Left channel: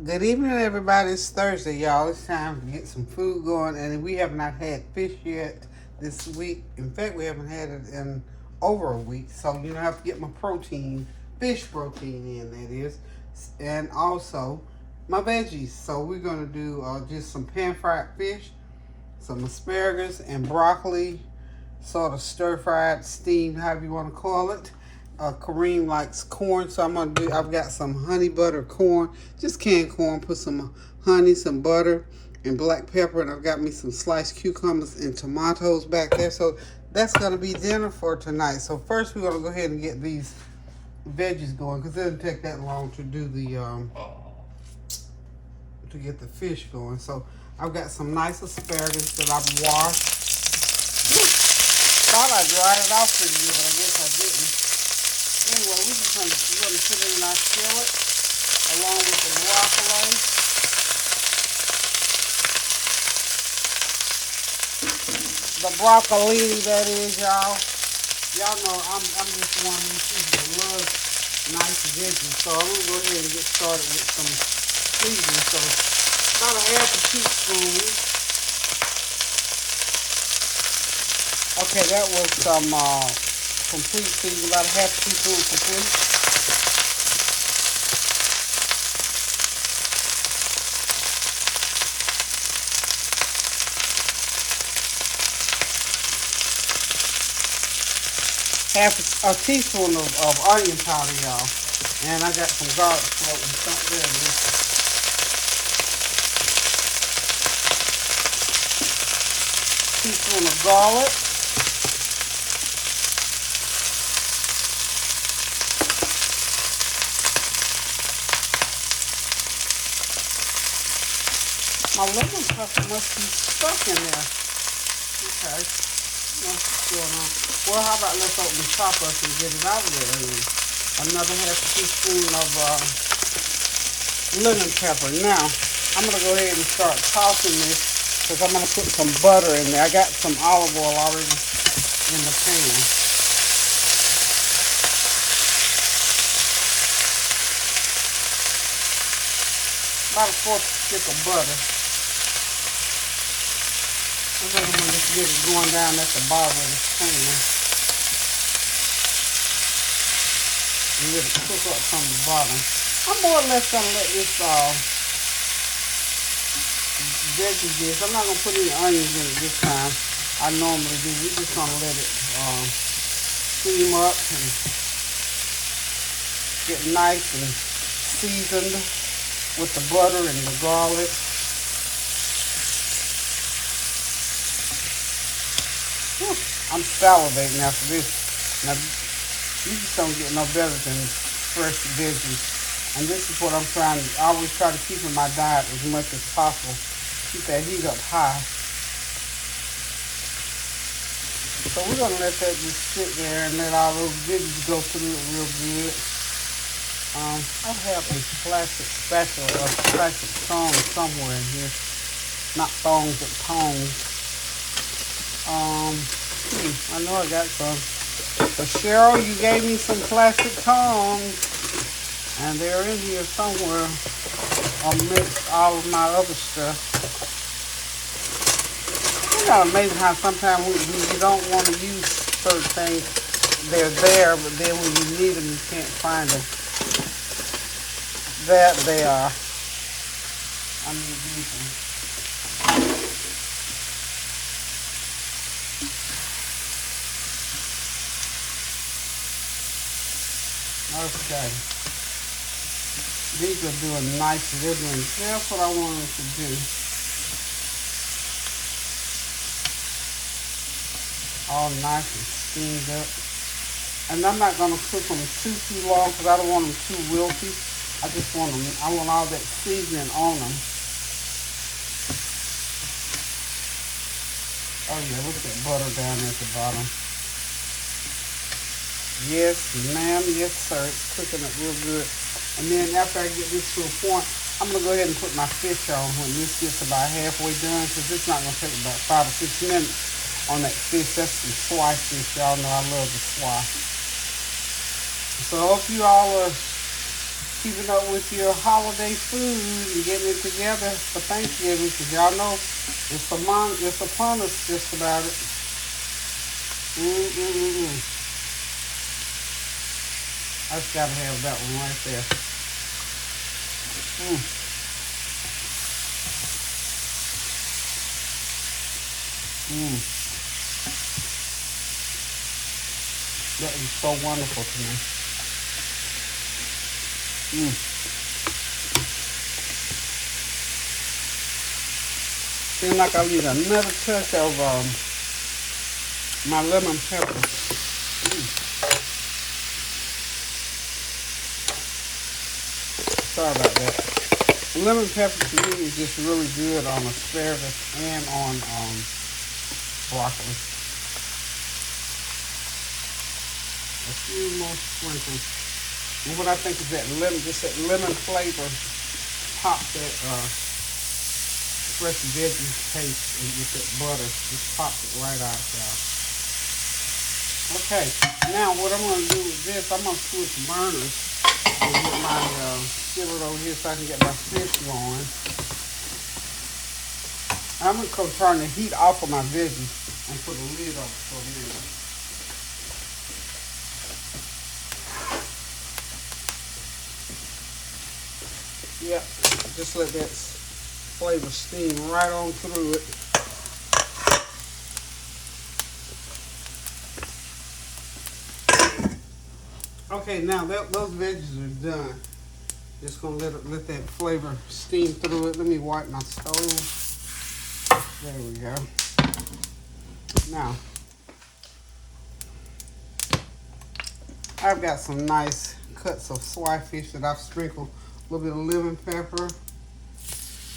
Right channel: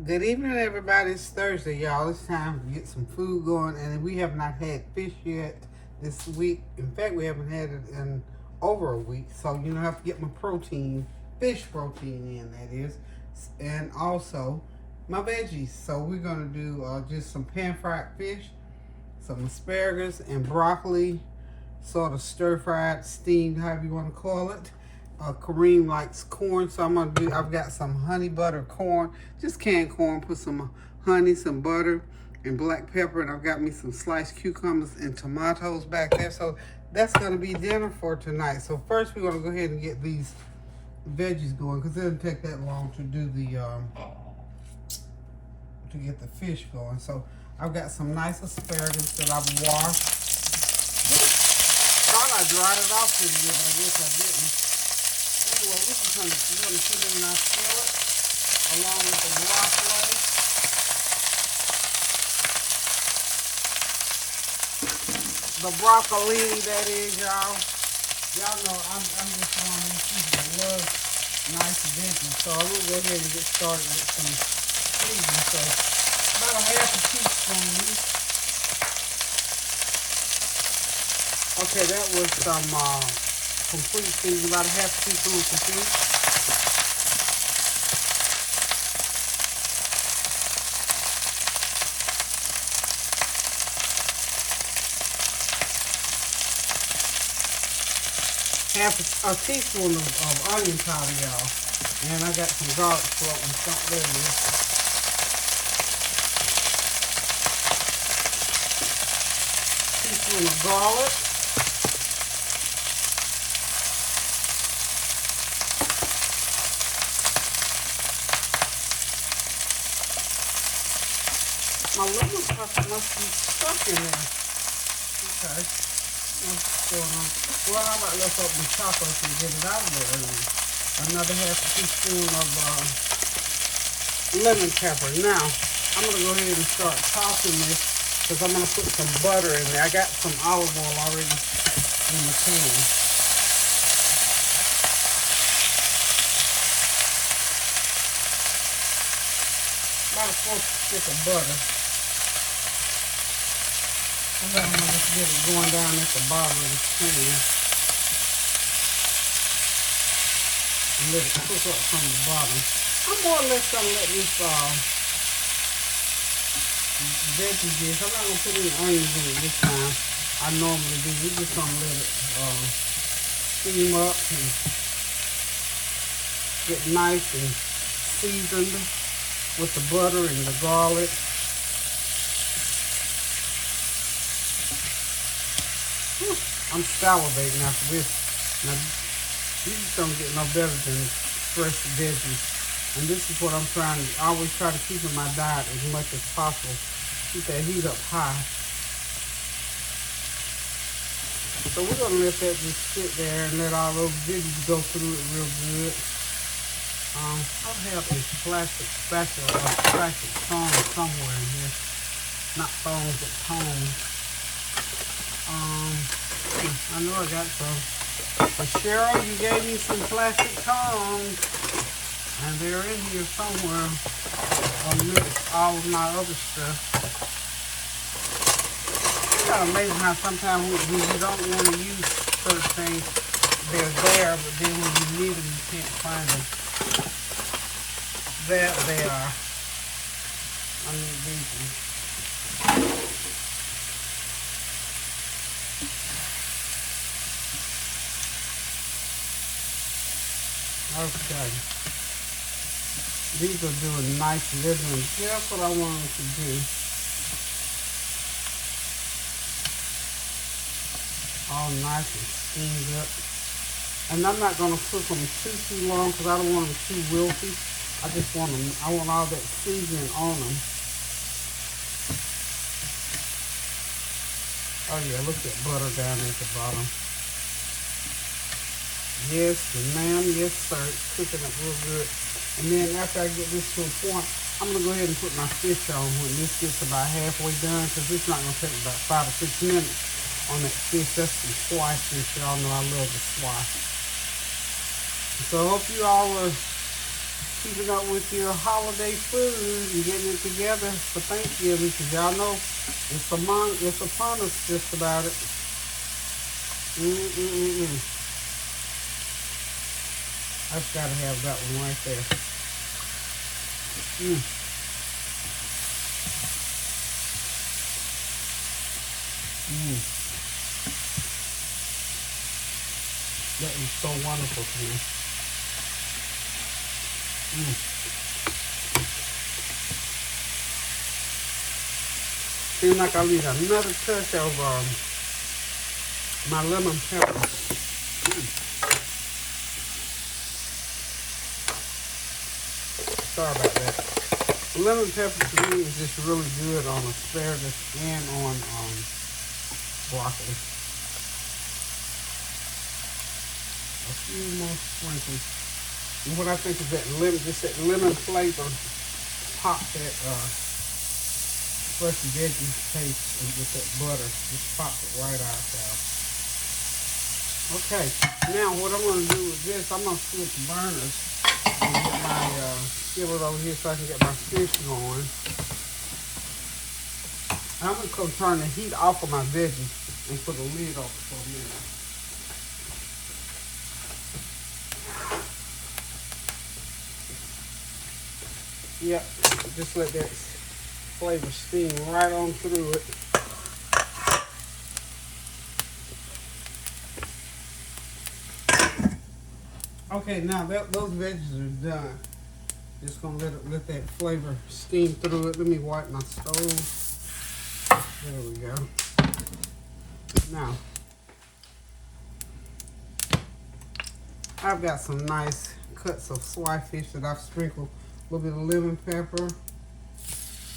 Good evening, everybody. It's Thursday, y'all. It's time to get some food going, and we have not had fish yet this week. In fact, we haven't had it in over a week, so I have to get my protein, fish protein in, that is, and also my veggies. So we're gonna do just some pan-fried fish, some asparagus and broccoli, sort of stir-fried, steamed, however you want to call it. Kareem likes corn, so I've got some honey butter corn, just canned corn, put some honey, some butter, and black pepper, and I've got me some sliced cucumbers and tomatoes back there. So that's going to be dinner for tonight. So first we're going to go ahead and get these veggies going, because it doesn't take that long to do to get the fish going. So I've got some nice asparagus that I've washed. Thought I dried it off pretty good, I guess I didn't. Anyway, we're gonna put it in our skillet along with the broccoli. The broccolini, that is, y'all. Y'all know I'm just one of these people that loves nice veggies. So I'm gonna go ahead and get started with some seasoning. So about a half a teaspoon. Okay, that was some complete seasoning, about a half a teaspoon of fish. Half a teaspoon of onion powder, y'all. And I got some garlic floating, something there. Teaspoon of garlic. My lemon pepper must be stuck in there. Okay. What's going on? Well, how about let's open the top up and get it out of there. Another half a teaspoon of lemon pepper. Now, I'm going to go ahead and start tossing this, because I'm going to put some butter in there. I got some olive oil already in the pan. About a fourth stick of butter. I'm going to just get it going down at the bottom of the pan. And let it cook up from the bottom. I'm more or less going to let this veggies. I'm not going to put any onions in it this time. I normally do. We're just going to let it steam up and get nice and seasoned with the butter and the garlic. I'm salivating after this. Now, you just don't get no better than fresh veggies. And this is what I'm trying to, I always try to keep in my diet as much as possible. Keep that heat up high. So we're going to let that just sit there and let all those veggies go through it real good. I have some plastic tongs somewhere in here. Not thongs, but tongs. I know I got some. But Cheryl, you gave me some plastic tongs. And they're in here somewhere. Amidst all of my other stuff. It's kind of amazing how sometimes when you don't want to use certain things, they're there, but then when you need them, you can't find them. There they are. I need these ones. Okay. These will do a nice ribbon. That's what I wanted to do. All nice and steamed up. And I'm not going to cook them too long, because I don't want them too wilty. I just want them, I want all that seasoning on them. Oh yeah, look at butter down at the bottom. Yes, ma'am, yes, sir. It's cooking it real good. And then after I get this to a point, I'm going to go ahead and put my fish on when this gets about halfway done, because it's not going to take about 5 or 6 minutes on that fish. That's the Swai fish. Y'all know I love the Swai. So I hope you all are keeping up with your holiday food and getting it together for Thanksgiving, because y'all know it's upon us just about it. I just gotta have that one right there. That is so wonderful to me. Seems like I need another touch of my lemon pepper. Sorry about that. Lemon pepper to me is just really good on asparagus and on broccoli. A few more sprinkles. And what I think is that lemon flavor pops that fresh veggie taste and with that butter. Just pops it right out there. Okay, now what I'm going to do with this, I'm going to switch burners and get my skillet over here so I can get my fish going. I'm going to go turn the heat off of my veggies and put a lid on for a minute. Yep, just let that flavor steam right on through it. Okay, now that those veggies are done, just gonna let that flavor steam through it. Let me wipe my stove. There we go. Now, I've got some nice cuts of swai fish that I've sprinkled a little bit of lemon pepper,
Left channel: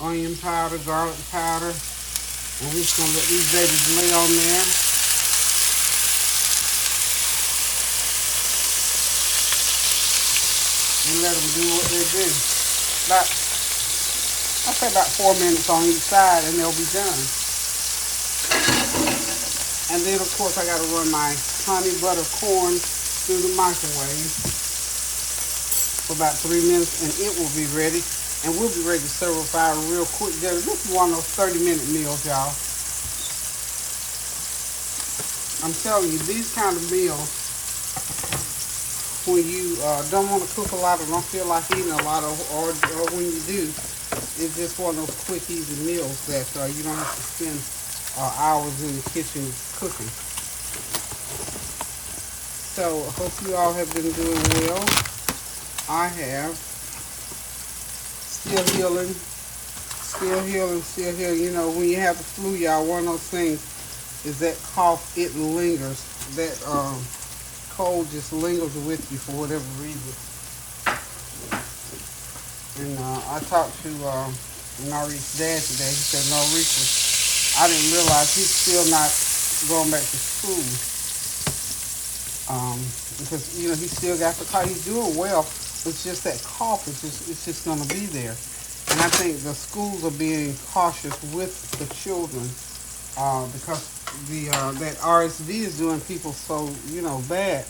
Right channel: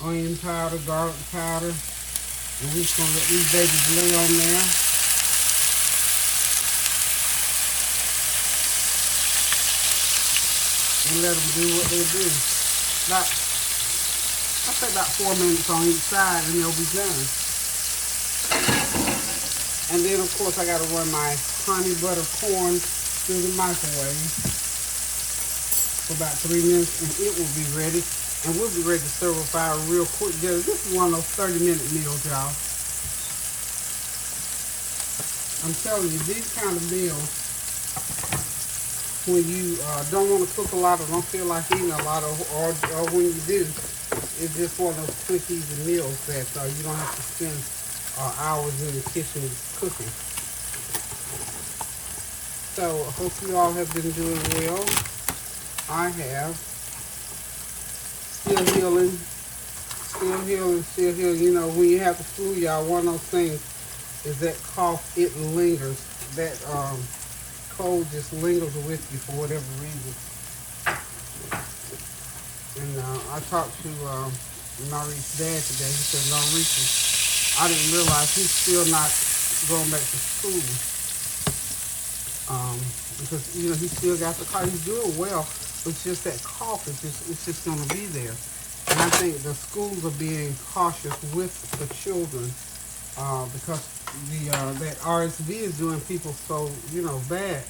onion powder, garlic powder, and we're just gonna let these babies lay on there. And let them do what they do. I say about 4 minutes on each side and they'll be done. And then of course I gotta run my honey butter corn through the microwave for about 3 minutes and it will be ready. And we'll be ready to serve up our real quick dinner. This is one of those 30-minute meals, y'all. I'm telling you, these kind of meals, when you don't want to cook a lot or don't feel like eating a lot, or when you do, it's just one of those quick, easy meals that you don't have to spend hours in the kitchen cooking. So, hope you all have been doing well. I have. Still healing. You know, when you have the flu, y'all, one of those things is that cough, it lingers. That cold just lingers with you for whatever reason. And I talked to Norris's dad today. He said, Norris, I didn't realize he's still not going back to school. Because, you know, he still got the cough. He's doing well. It's just that cough is it's just going to be there. And I think the schools are being cautious with the children because that RSV is doing people so, you know, bad.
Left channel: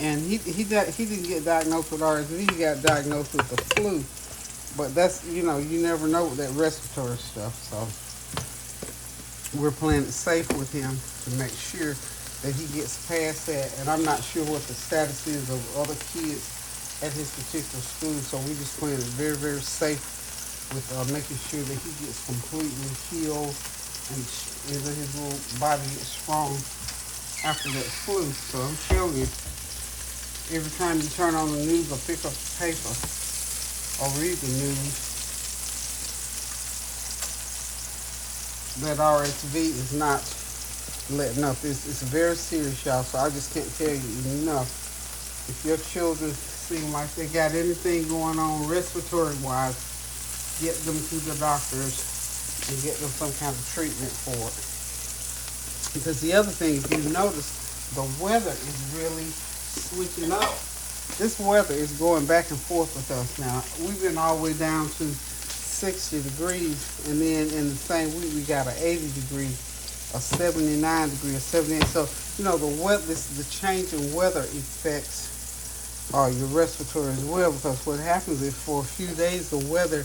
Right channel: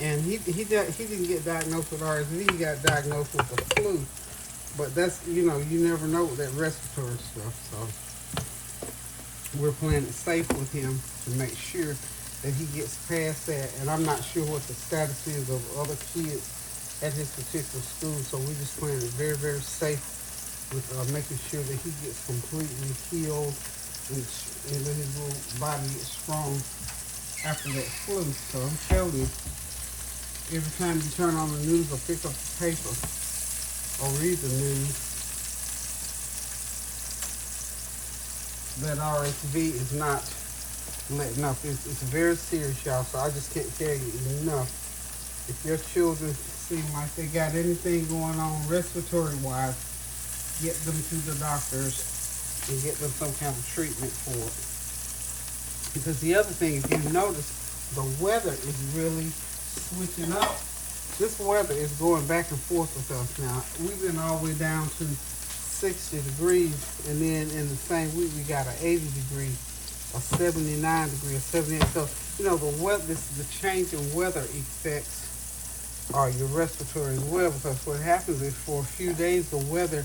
And he didn't get diagnosed with RSV. He got diagnosed with the flu. But that's, you know, you never know with that respiratory stuff. So we're playing it safe with him to make sure that he gets past that. And I'm not sure what the status is of other kids at his particular school. So we're just playing it very, very safe with making sure that he gets completely healed and his little body gets strong after that flu. So I'm telling you, every time you turn on the news or pick up the paper or read the news, that RSV is not letting up. It's very serious, y'all, so I just can't tell you enough. If your children seem like they got anything going on respiratory-wise, get them to the doctors and get them some kind of treatment for it. Because the other thing, if you notice, the weather is really switching up. This weather is going back and forth with us now. We've been all the way down to 60 degrees, and then in the same week we got an 80 degree, a 79 degree, a 78. So, you know, the change in weather affects or your respiratory as well, because what happens is for a few days the weather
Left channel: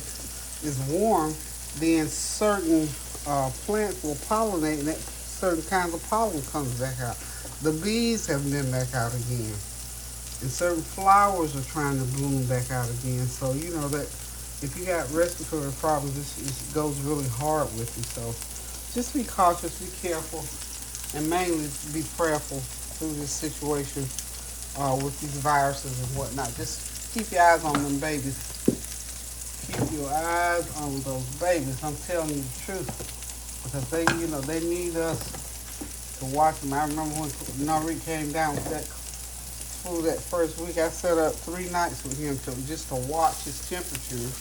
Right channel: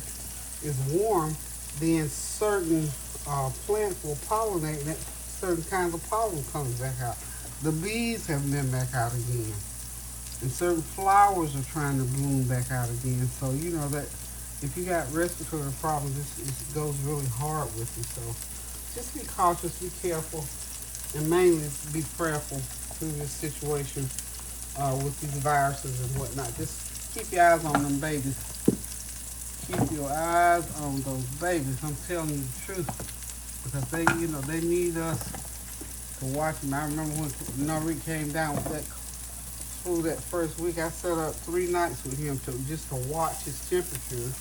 is warm, then certain plants will pollinate and certain kinds of pollen comes back out. The bees have been back out again. And certain flowers are trying to bloom back out again. So you know that if you got respiratory problems, it goes really hard with you. So just be cautious, be careful, and mainly be prayerful through this situation with these viruses and whatnot. Just keep your eyes on them babies. Keep your eyes on those babies. I'm telling you the truth, because they need us to watch them. I remember when Nari came down with that flu that first week. I sat up 3 nights with him just to watch his temperature.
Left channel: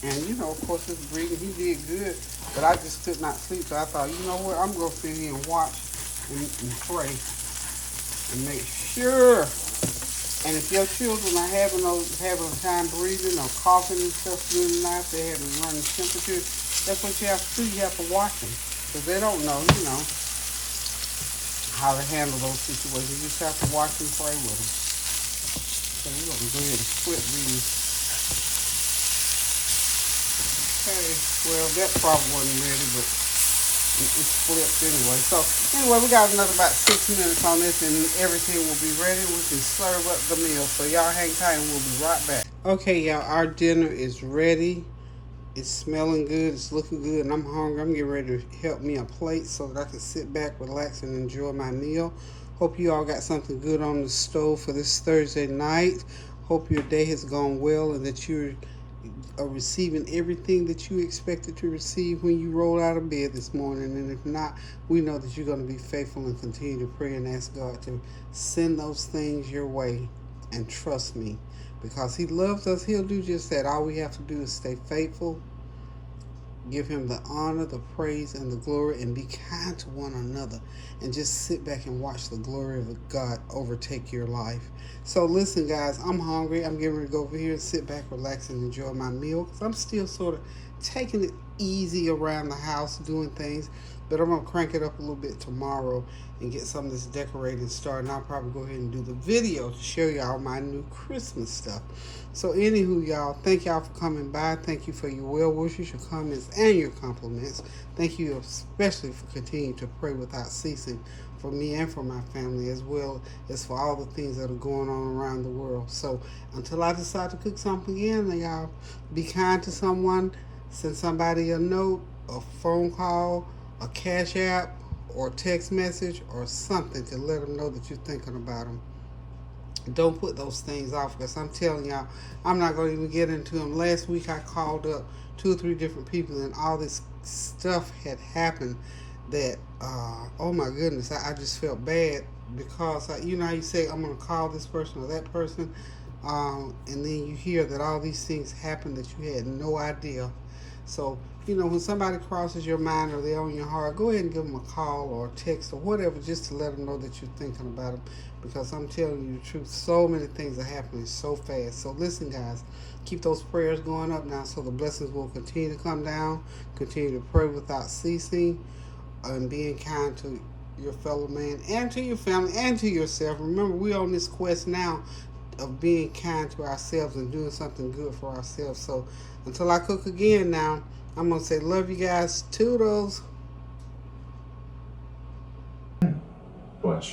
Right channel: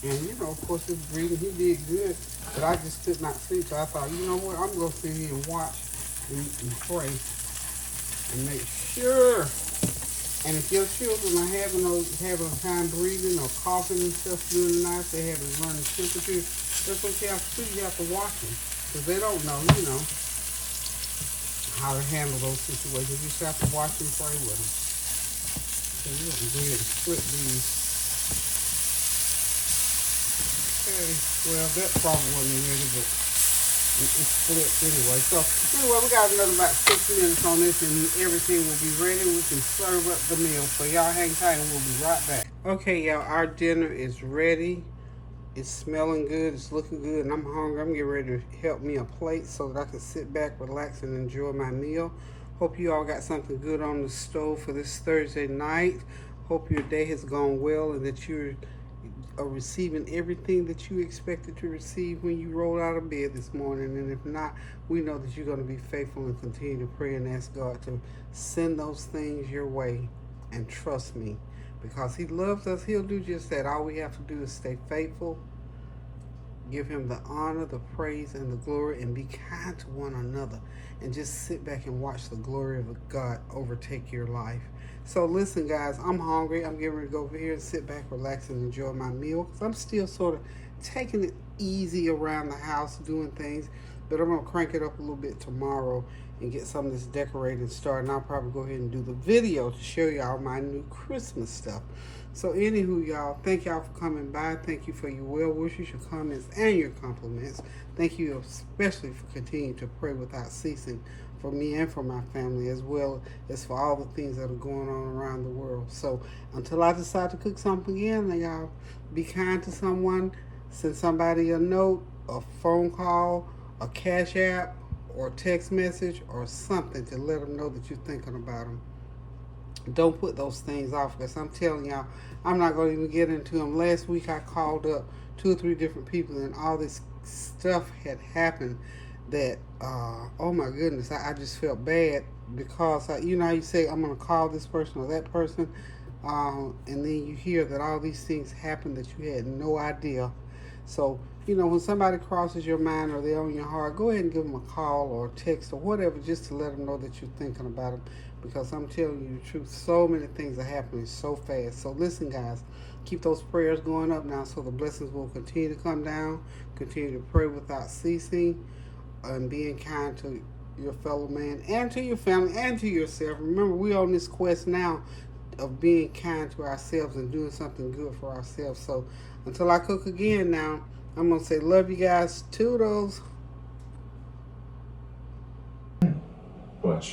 And of course his breathing, he did good, but I just could not sleep. So I thought, you know what, I'm gonna sit here and watch and pray and make sure. And if your children are having time breathing or coughing and stuff during the night, they have a running temperature, that's what you have to do. You have to watch them, because they don't know, how to handle those situations. You just have to watch and pray with them. So we're going to go ahead and split these. Okay, well, that probably wasn't ready, but it's split anyway. So anyway, we got another about 6 minutes on this and everything will be ready. We can serve up the meal. So y'all hang tight and we'll be right back. Okay, y'all, our dinner is ready. It's smelling good, it's looking good, and I'm hungry. I'm getting ready to help me a plate so that I can sit back, relax, and enjoy my meal. Hope you all got something good on the stove for this Thursday night. Hope your day has gone well and that you're receiving everything that you expected to receive when you rolled out of bed this morning. And if not, we know that you're going to be faithful and continue to pray and ask God to send those things your way. And trust me, because he loves us, he'll do just that. All we have to do is stay faithful, give him the honor, the praise, and the glory, and be kind to one another, and just sit back and watch the glory of God overtake your life. So listen, guys, I'm hungry. I'm getting ready to go over here and sit back, relax, and enjoy my meal, because I'm still sort of taking it easy around the house, doing things, but I'm going to crank it up a little bit tomorrow and get some of this decorating started. And I'll probably go ahead and do the video to show y'all my new Christmas stuff. So anywho, y'all, thank y'all for coming by. Thank you for your well wishes, your comments, and your compliments. Thank you especially for continuing to pray without ceasing for me and for my family, as well as for all the things that are going on around the world. So until I decide to cook something again, y'all, be kind to someone, send somebody a note, a phone call, a cash app, or text message, or something to let them know that you're thinking about them. Don't put those things off, because I'm telling y'all, I'm not going to even get into them. Last week I called up 2 or 3 different people, and all this stuff had happened that, oh my goodness, I just felt bad, because how you say, I'm going to call this person or that person, and then you hear that all these things happen that you had no idea. So, when somebody crosses your mind or they're on your heart, go ahead and give them a call or a text or whatever, just to let them know that you're thinking about them. Because I'm telling you the truth, so many things are happening so fast. So listen, guys, keep those prayers going up now, so the blessings will continue to come down. Continue to pray without ceasing, and being kind to your fellow man and to your family and to yourself. Remember, we're on this quest now of being kind to ourselves and doing something good for ourselves. So until I cook again now, I'm going to say love you guys. Toodles. But